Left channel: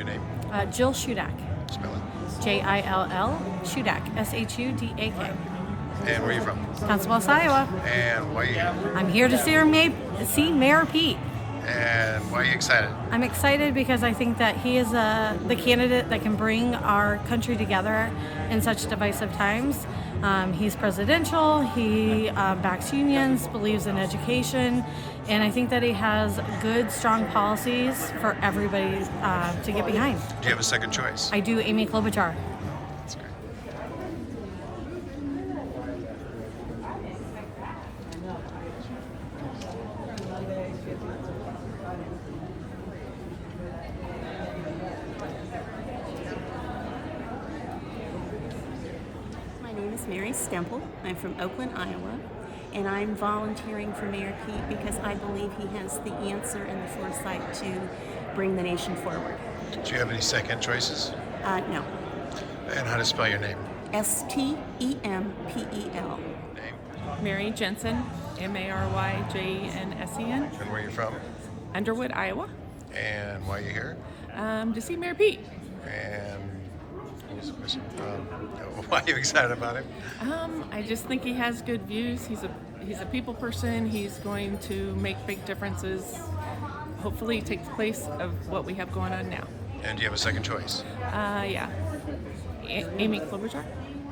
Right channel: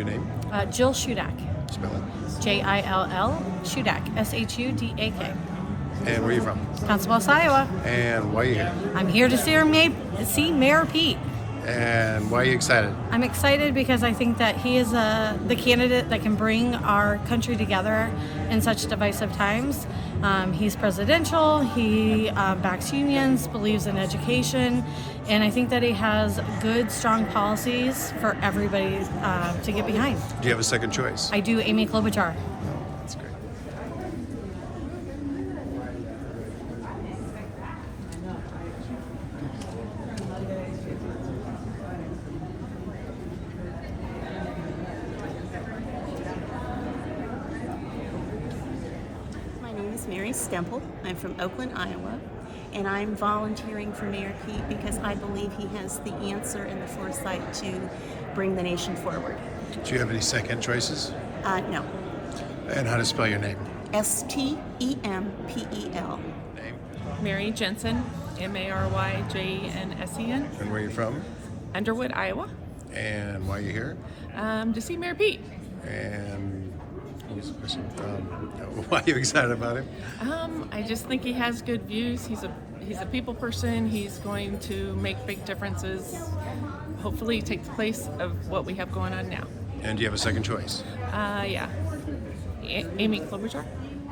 Your name? Jill Shudak. Spell it. Jill Shudak. Shudak. And where are you from? Council Bluffs, Iowa. And why are you here? I'm here to see Mayor Pete. And why are you excited? I'm excited because I think that he is the candidate that can bring our country together in such divisive times. He's presidential, he backs unions, believes in education, and I think that he has good, strong policies for everybody to get behind. Do you have a second choice? I do. Amy Klobuchar. That's great. My name is Mary Stemple. I'm from Oakland, Iowa, and I'm volunteering for Mayor Pete because I believe he has the answer and the foresight to bring the nation forward. Do you have any second choices? No. And how to spell your name? Stempel. Name? Mary Jensen, Maryjensen. And where are you from? Underwood, Iowa. And why are you here? To see Mayor Pete. And what was the question? Why are you excited about him? I just think he has good views. He's a people person. He's going to make big differences. Hopefully take the place of what we have going on now. And do you have a second choice? Yeah. Amy Klobuchar.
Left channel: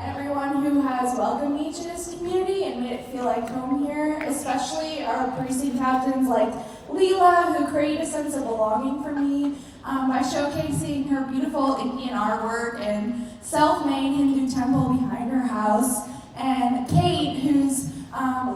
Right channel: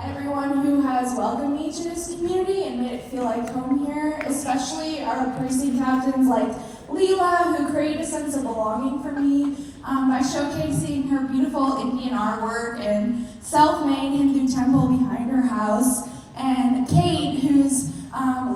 Everyone who has welcomed me to this community and made it feel like home here, especially our precinct captains like Leela, who create a sense of belonging for me by showcasing her beautiful Indian artwork and self-made Hindu temple behind her house, and Kate, whose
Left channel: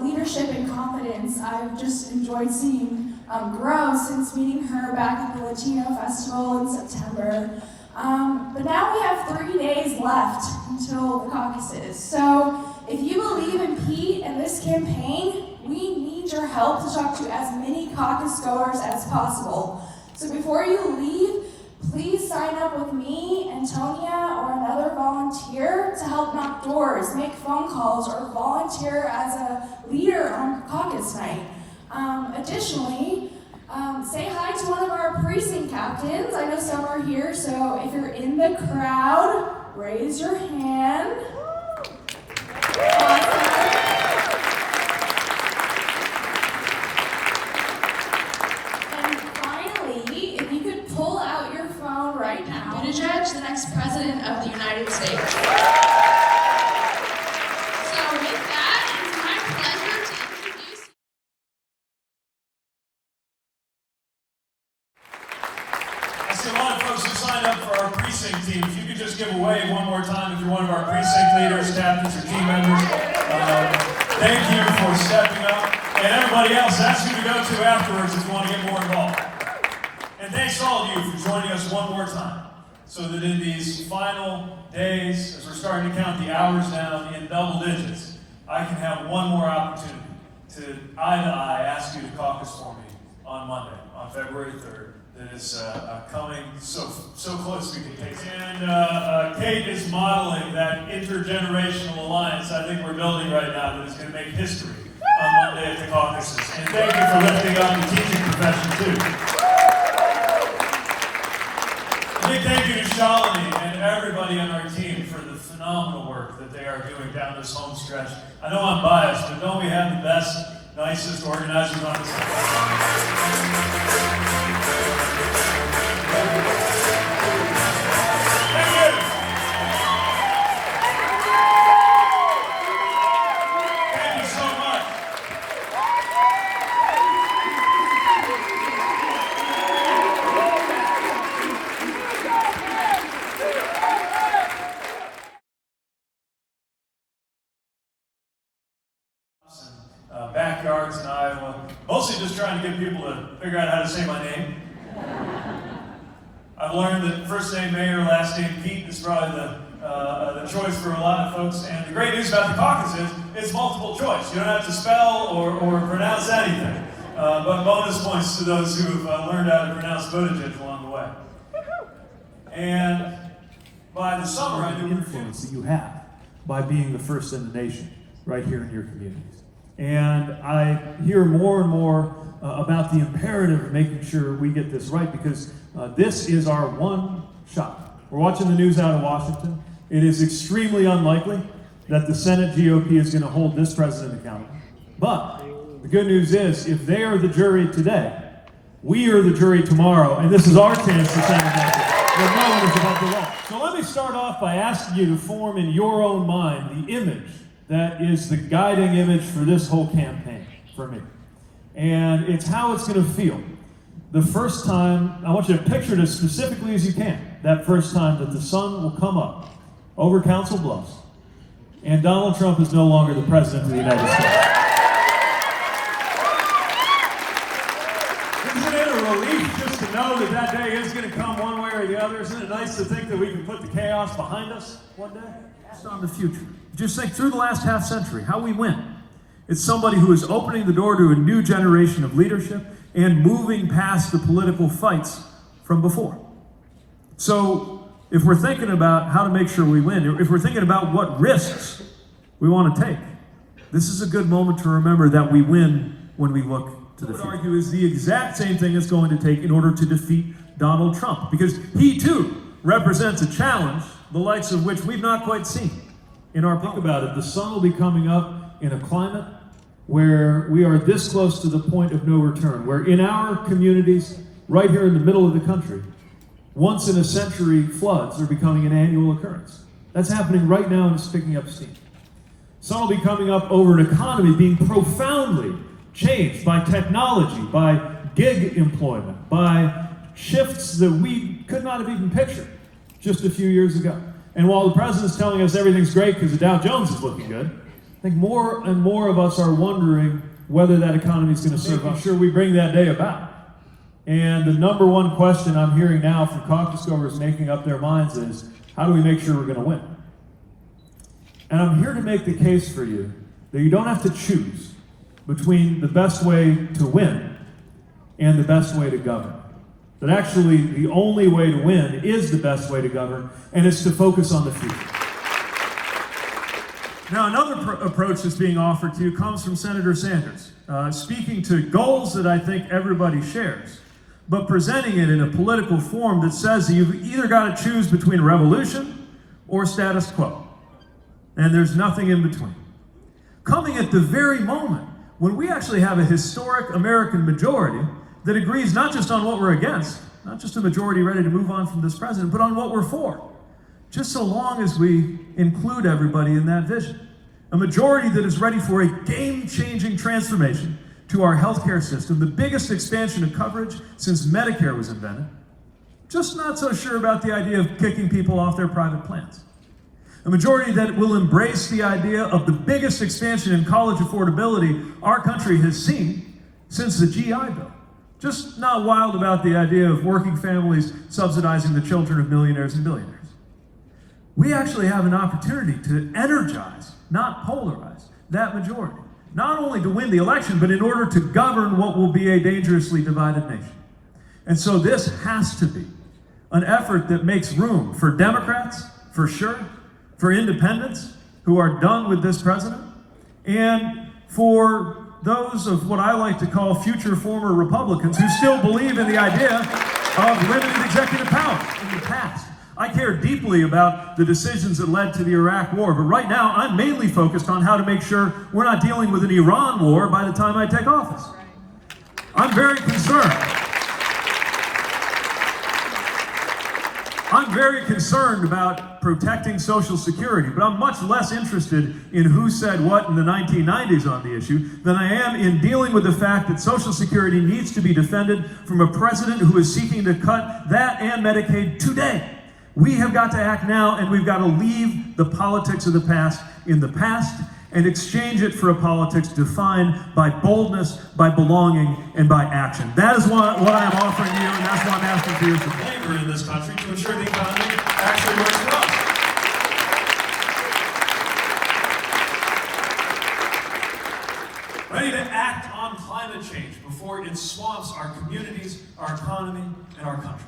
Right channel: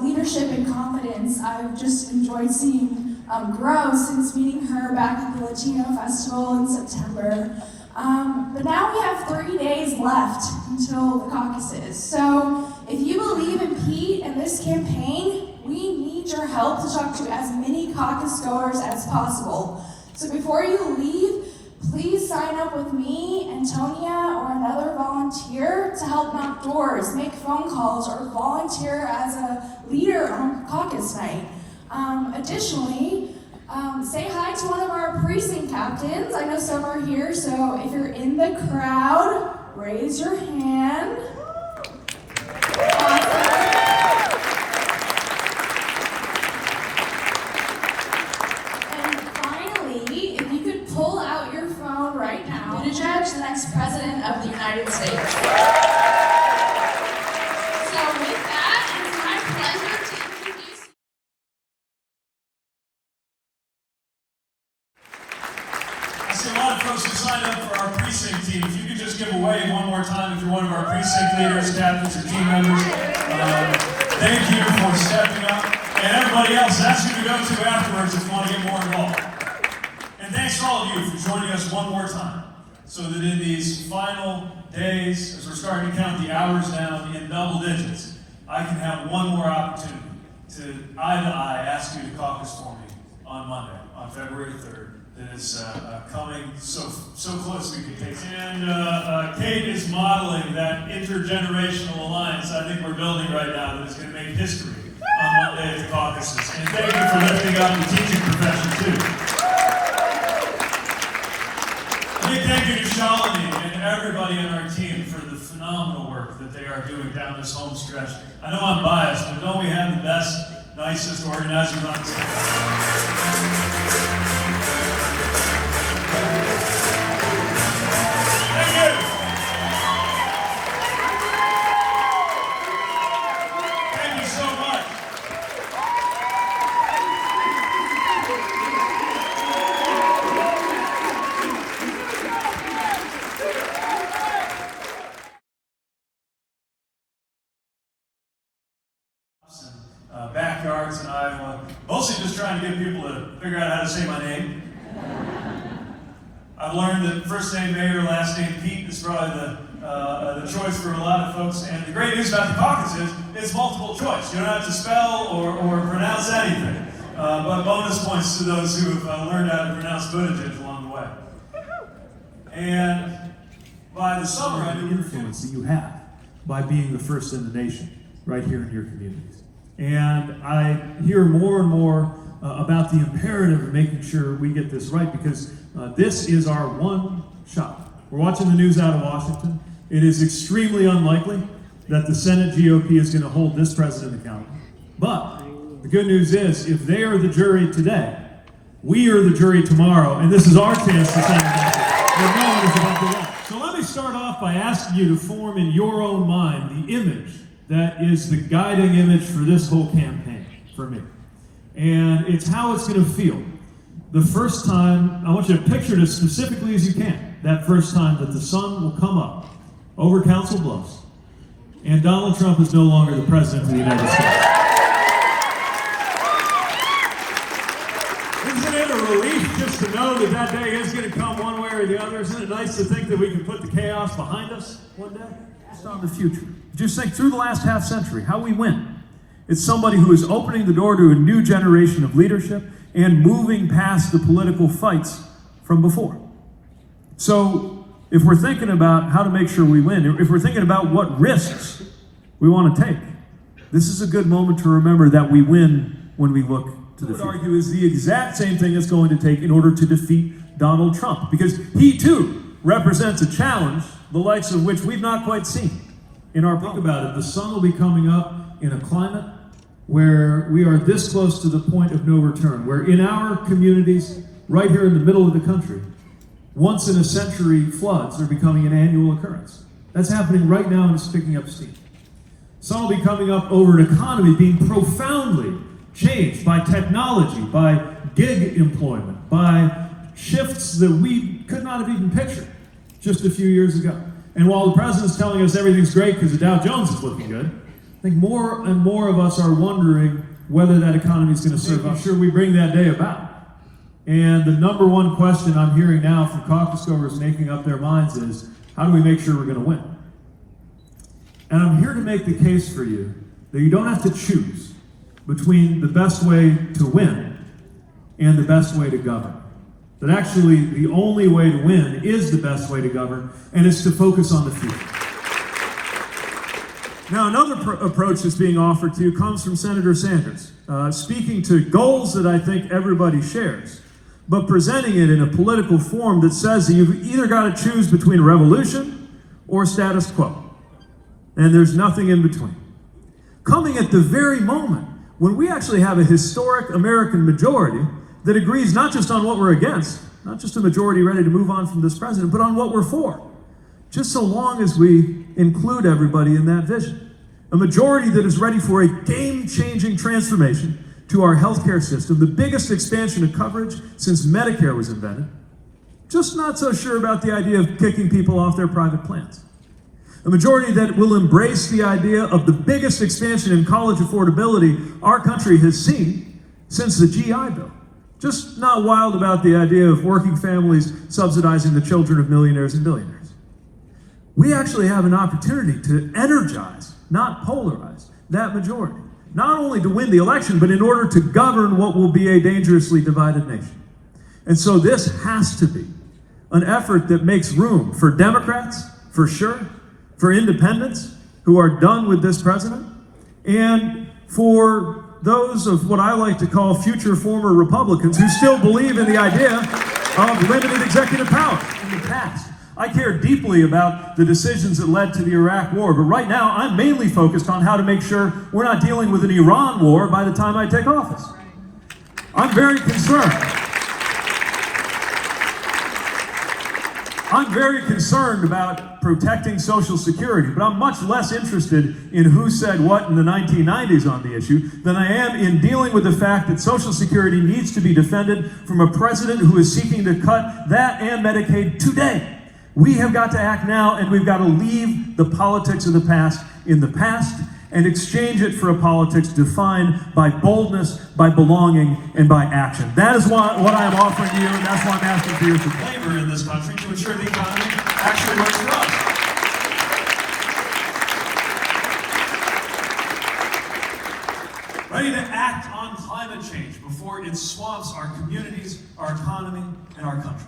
leadership and confidence I've just enjoyed seeing grow since meeting her back at the Latino Festival in September. But now we have 3 days left until the caucuses. So if you believe in Pete and this campaign, we need your help to talk to as many caucus goers as possible. So before you leave, please sign up with me, Antonia, or another volunteer to help knock doors, make phone calls, or volunteer as a leader on caucus night. Additionally, say hi to one of our precinct captains. I know some are here, so if you're in the crowd, raise your hand. And finally, if you could pull out your phone right now. Buttigieg, the next president of the United States. So with that, it's my pleasure to introduce. I see a lot of folks who signed up for our precinct team. If you could just give a wave one more time if you're one of our precinct leaders, captains, or team members. Thank you for stepping up. And everybody else, that's who to go to afterwards if you want to get more involved. And thanks to all of you for joining us one more time, so that in these final days, as we're starting to count the hours down in double digits, I can have one more opportunity to eye ask you to caucus for me on Monday, on February 3rd. That is coming so close we can taste. And Kate is modeling that intergenerational alliance I think we're building right now that is going to make history on Monday at the caucuses. And thank you for lifting up the teaching profession too. A big thank you to Shalini and everybody on our team for the phenomenal work that they are doing down this home stretch. I know I'm biased, but don't we have the best, nicest organizers on this? Backyards in Iowa, mostly just trying to get people to figure out how to say my name. I've learned that first name Mayor, last name Pete is probably the choice for a lot of folks. And the great news about the caucus is it's multiple choice. You don't have to spell or pronounce anything. But bonus points to those who have learned how to pronounce Buttigieg along the way. And by the summer, I knew the influence that you have by being the first in the nation right here in your communities. And I hear more and more about the imperative of making sure we get this right, because this is our one shot. We're watching the news out of Washington. It is extremely unlikely that the Senate GOP is going to hold this president accountable. But the good news is, if they are the jury today, we are the jury tomorrow, and this is our chance to send a message that no one is about to law. So let me start off by asking you to form in your own mind the image that is the guiding image for this whole campaign for me. And it's how it's going to feel. The first time, I want you to picture it as specifically as you can, that first time that the sun will come up over Council Bluffs, and Donald Trump is no longer the president of the United States. Isn't it a relief just to know that that day is going to come one way or the other? Isn't it nice to think that we can put the chaos behind us one day? Just on the future. Just think through the last half century, how we win. It's somebody who is opening the door to a new generation of leadership and moving past the political fights from before. So if we're thinking about how to make sure we win, if we're thinking about what risks we want to take, this is a good moment to remember that we win when we look to the future. I would argue is the exact same thing it's going to take in order to defeat Donald Trump, because he too represents a challenge, the likes of which we've not quite seen in our. Think about it, the sun will be coming up in a climate where we are this close to the point of no return, where in our communities, right here in the middle of the country, once in a century floods are becoming an annual occurrence. That's happening right now, and it's picking up steam. Sun will be coming up over an economy being profoundly changed by technology, by gig employment, by shifts that we could not have even pictured just a few years ago. And while the president's telling us everything's great because the Dow Jones is looking good, I think more and more of us are wondering whether that economy is going to serve us. Sure, we bring that day about. And the number one question I'm hearing now from caucus goers making up their minds is, how do we make sure we're going to win? And I'm here to make the case for you that you don't have to choose between the best way to win and the best way to govern. That actually the only way to win is the best way to govern, and it's to focus on the future. Now, another approach that's being offered to you comes from Senator Sanders, speaking to goals that I think everybody shares, but presenting it in a political form that says that you've either got to choose between a revolution or status quo, and there's nothing in between. Coming at the very moment when we actually have a historic American majority that agrees not just on what we're against, not just a majority ready to move on from this president, but on what we're for, just so long as we include everybody in that vision. A majority that is ready for a game-changing transformation to our healthcare system, the biggest expansion of coverage since Medicare was invented. Just not so sure about the idea of kicking people off their private plans. A majority that will embrace the idea of the biggest expansion in college affordability our country has seen since the GI Bill. Just not wild about the idea of working families subsidizing the children of millionaires and billionaires. We actually have an opportunity to energize, not polarize, that majority. Not only to win the election, but in order to govern what will be a dangerously divided nation. And so this has to be an effort that makes room for Democrats, for sure, for independents who are done with this president, and for those of what I like to call future former Republicans who still believe in the idea of limited executive power in the past. I care deeply about the decisions that led to the Iraq War, but right now I'm mainly focused on how to make sure we're not dealing with an Iran war by the time I take office. I'm very concerned. I'm very concerned about protecting Social Security, but I'm much less interested in who said what in the 1990s on the issue than I am in dealing with the fact that Social Security needs to be defended from a president who is seeking to cut that and Medicaid today. We have got to act now, and we've got to leave the politics of the past in the past and exchange it for a politics defined by boldness, by belonging, and by action. That is what I am offering you, and that's what I'm asking for you to favor in this country to ensure the economy actually works for us. Ready to act on climate change before it swamps our communities, our economy, and our country.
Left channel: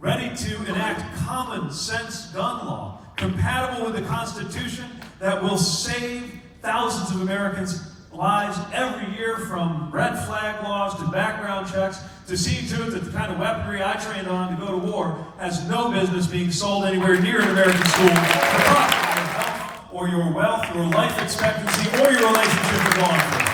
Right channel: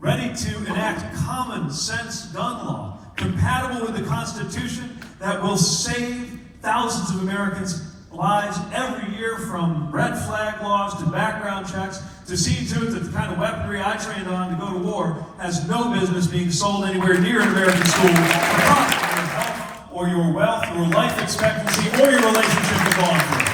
Ready to enact common sense gun law compatible with the Constitution that will save thousands of Americans' lives every year, from red flag laws to background checks to seeing to it that the kind of weaponry I trained on to go to war has no business being sold anywhere near an American school. The cost of your health or your wealth, your life expectancy, or your relationship with law enforcement.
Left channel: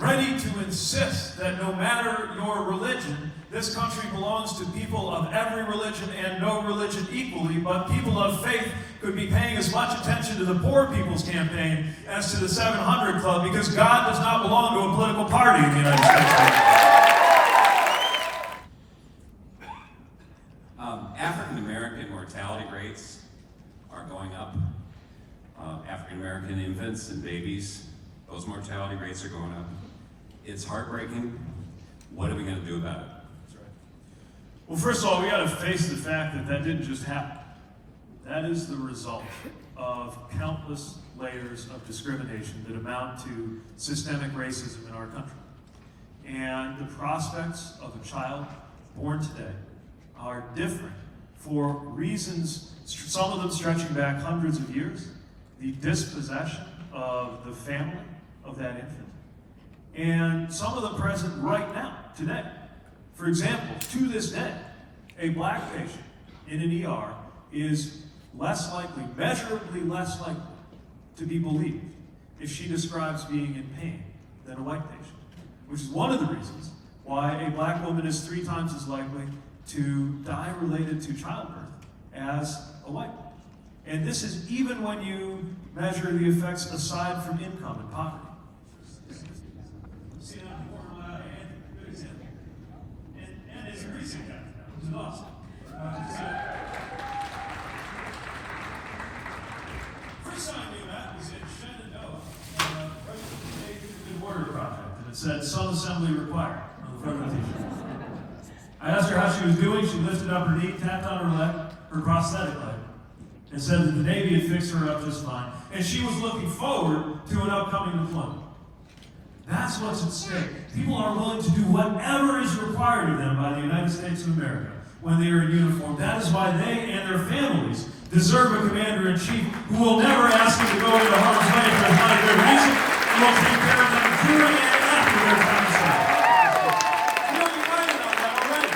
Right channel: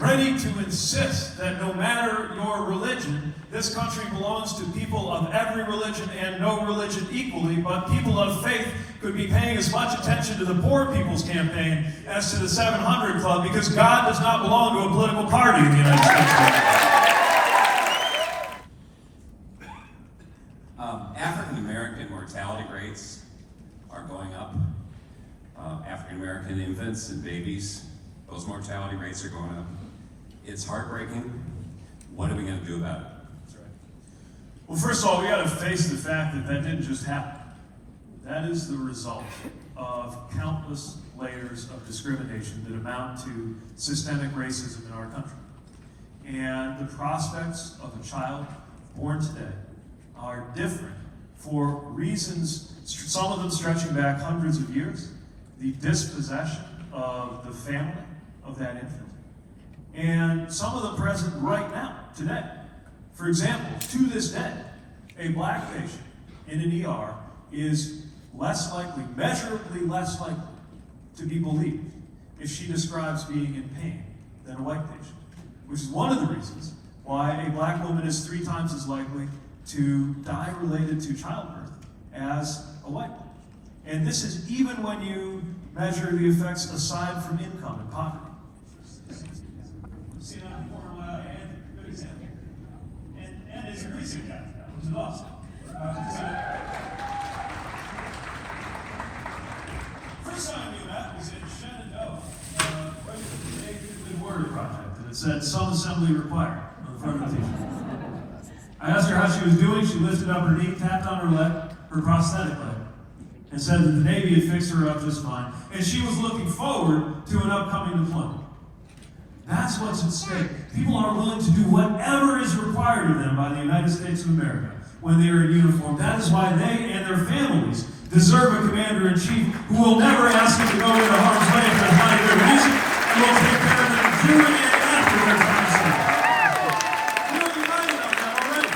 Ready to insist that no matter your religion, this country belongs to people of every religion and no religion equally, but people of faith could be paying as much attention to the Poor People's Campaign as to the 700 Club, because God does not belong to a political party in the United States. African American mortality rates are going up. African American infants and babies, those mortality rates are going up. It's heartbreaking. What are we going to do about it? Well, first of all, we got to face the fact that that didn't just happen. That is the result of countless layers of discrimination that amount to systemic racism in our country. And the prospects of a child born today are different for reasons, some of them stretching back hundreds of years, the dispossession of the family of that infant, and some of them present right now, today. For example, to this day, a black patient in an ER is less likely, measurably less likely, to be believed if she describes being in pain than a white patient, which is one of the reasons why a black woman is 3 times as likely to die related to childbirth as a white woman. And this is even when you measure the effects aside from income and poverty. See that on the corner of my hand? Good example. And it's a precinct captain now, which is awesome. First time I knew that was in Shenandoah, right with the Border Project, and it said "Some assembly required" on the front of the t-shirt. I asked her how she was doing. She lifted up her knee, tapped on her leg, her prosthetic leg, and said that the Navy had fixed her up just fine, and she was looking forward to an upcoming deployment. That's what's at stake. People are willing to do whatever is required of them by the United States of America when they are in uniform. That is why they and their families deserve a commander-in-chief who will never ask them to go into harm's way if there's not a good reason, and will take care of them during and after their time of service. You don't be worried about that already.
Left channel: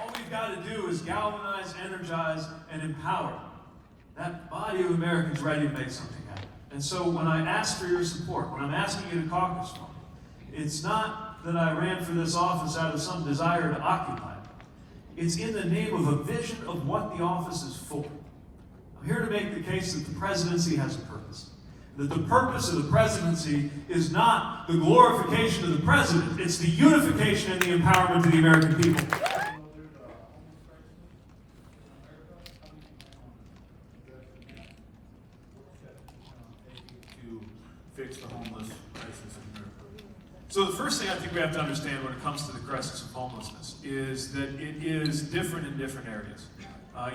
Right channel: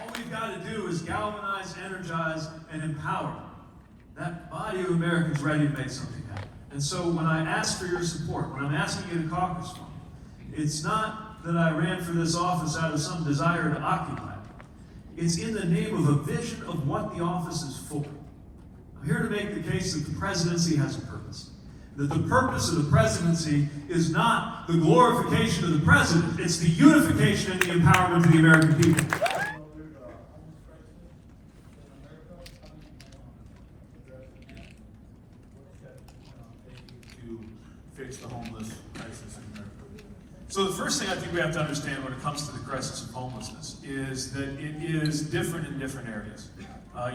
All we've got to do is galvanize, energize, and empower that body of Americans ready to make something happen. And so when I ask for your support, when I'm asking you to caucus for me, it's not that I ran for this office out of some desire to occupy it. It's in the name of a vision of what the office is for. I'm here to make the case that the presidency has a purpose. That the purpose of the presidency is not the glorification of the president, it's the unification and the empowerment of the American people. Fix the homeless crisis in America. So the first thing I think we have to understand when it comes to the crisis of homelessness is that it is different in different areas.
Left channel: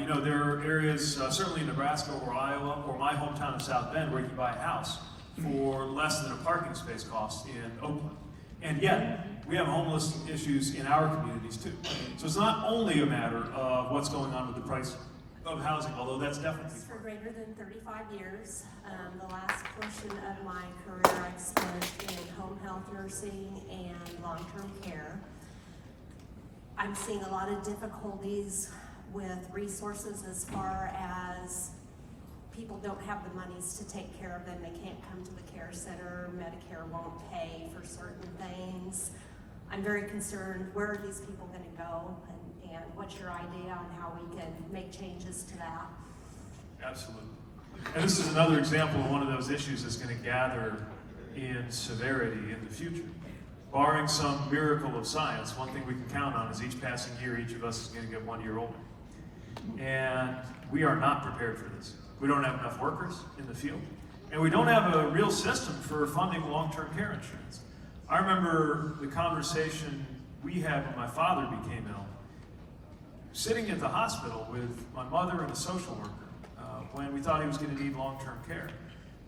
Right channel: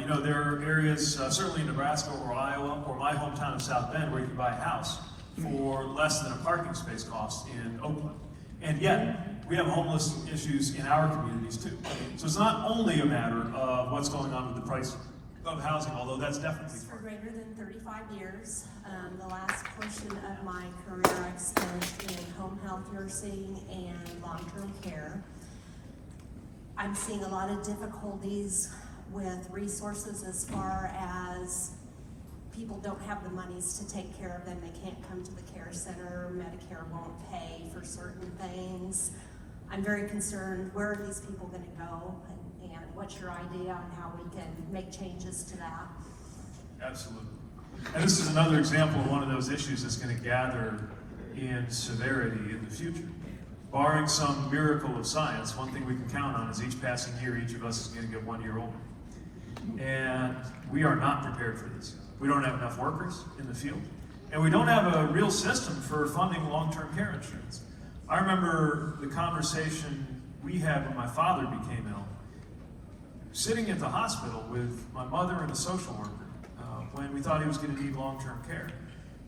There are areas, certainly in Nebraska or Iowa or my hometown of South Bend, where you can buy a house for less than a parking space cost in Oakland. And yet, we have homeless issues in our communities too. So it's not only a matter of what's going on with the price of housing, although that's definitely For greater than 35 years. The last portion of my career I've spent in home health nursing and long-term care. I'm seeing a lot of difficulties with resources as far as people don't have the monies to take care of them. They can't come to the care center. Medicare won't pay for certain things. I'm very concerned, where are these people going to go? And what's your idea on how we can make changes to that? Absolutely. And this is another example of one of those issues that's going to gather in severity in the future. Barring some miracle of science, one thing we can count on is each passing year, each of us is going to get 1 year older. And we are not prepared for this. We don't have enough workers in the field. And we don't have a real system for funding long-term care insurance. I remember the conversation we had when my father became ill, sitting at the hospital with my mother and a social worker when we thought he was going to need long-term care.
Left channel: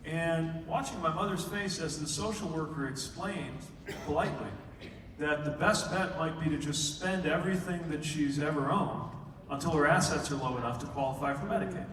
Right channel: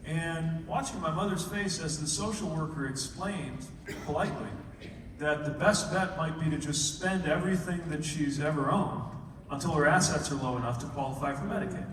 And watching my mother's face as the social worker explained politely that the best bet might be to just spend everything that she's ever owned until her assets are low enough to qualify for Medicaid.